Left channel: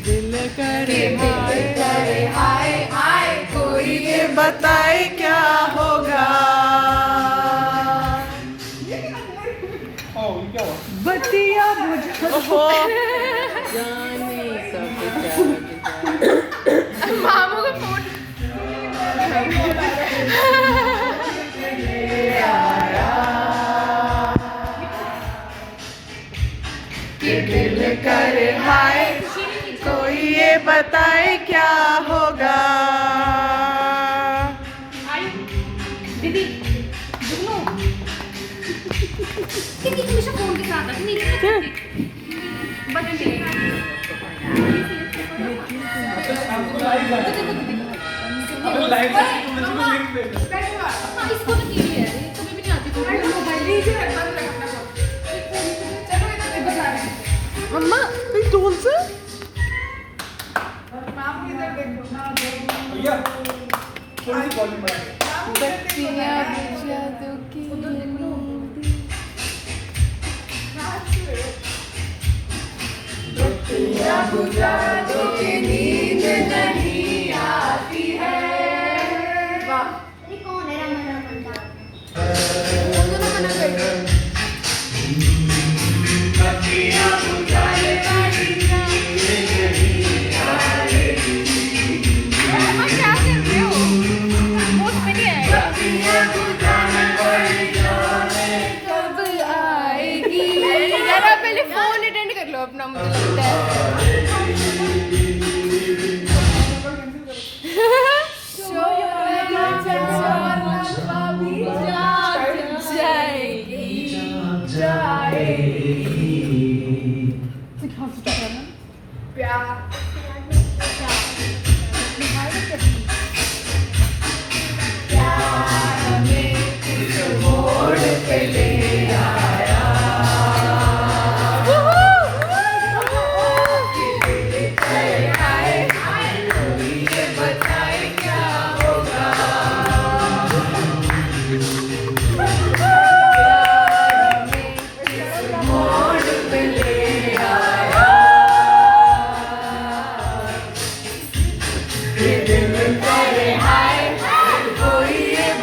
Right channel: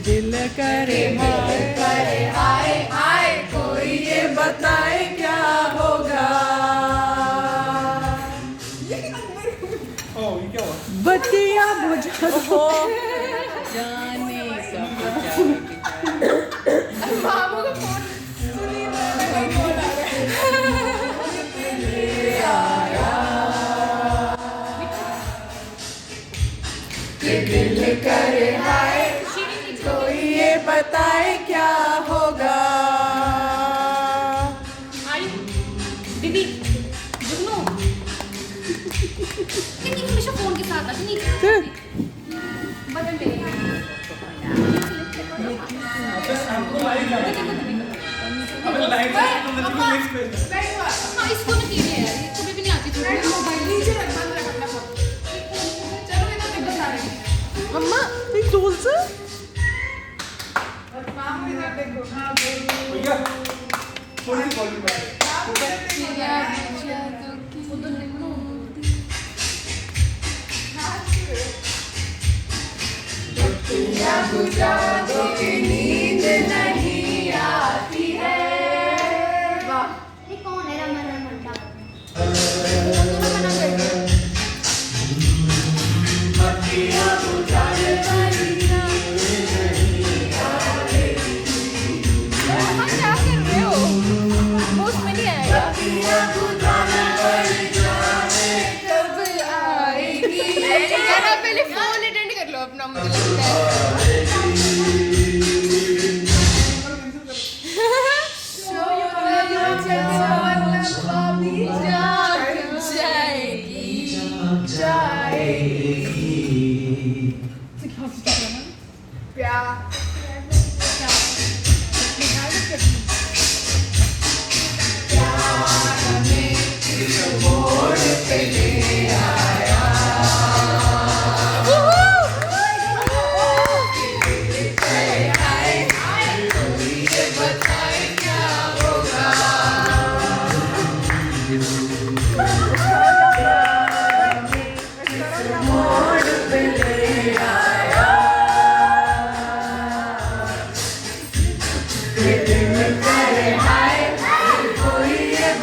दिल करे हाय हाय कोई ये बताए क्या होगा। बत्तियां बुझा हो जाने सब मामू का फोन दिल करे हाय कोई ये बताए क्या होगा। दीदी जुगनू दीदी हमेशा फोन के साथ है नहीं बटन के हमको लाइव जाना अबे लाइव इसको ना कीजिए यार इसको भी नहीं आती मोबाइल नीचे रख बंद रख अपना फोन चलो इधर आ रहे हैं मम्मा एक डोल से मामू इधर देखो भैया थोड़ी सी वॉल्यूम बढ़ा बुझा दो कि नींद नहीं आती है। ये कौन है रमन बत्तियां बुझाए पहले फोन अटेंड कर लो अपना मुझे लगता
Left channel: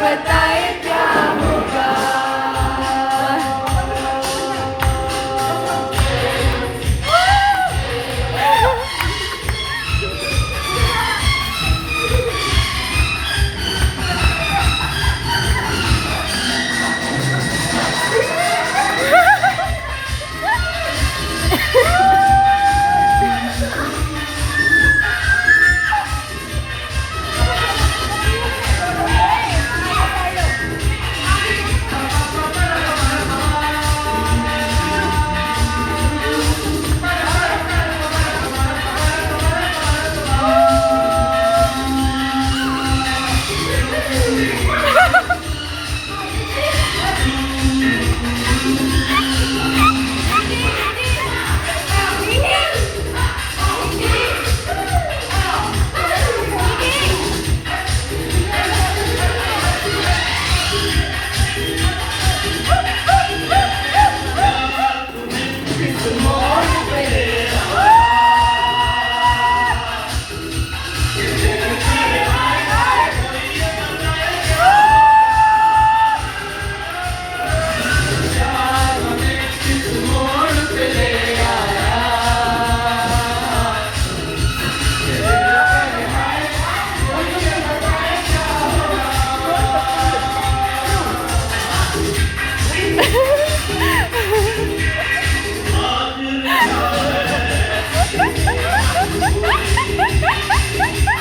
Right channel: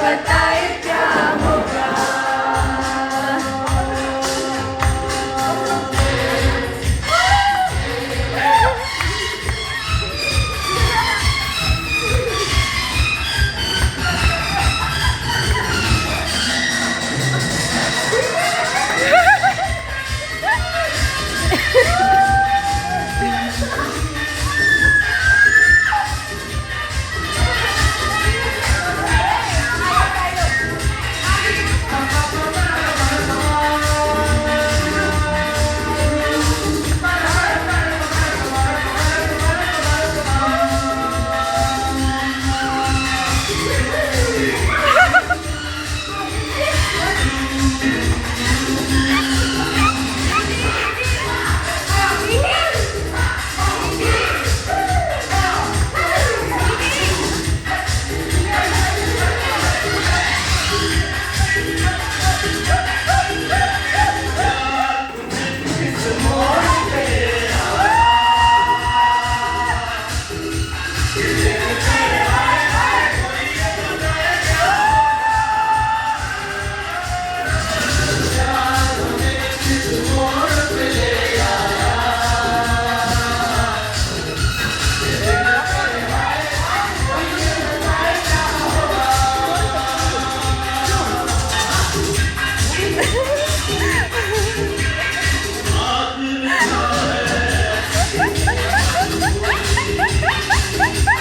बताए क्या होगा।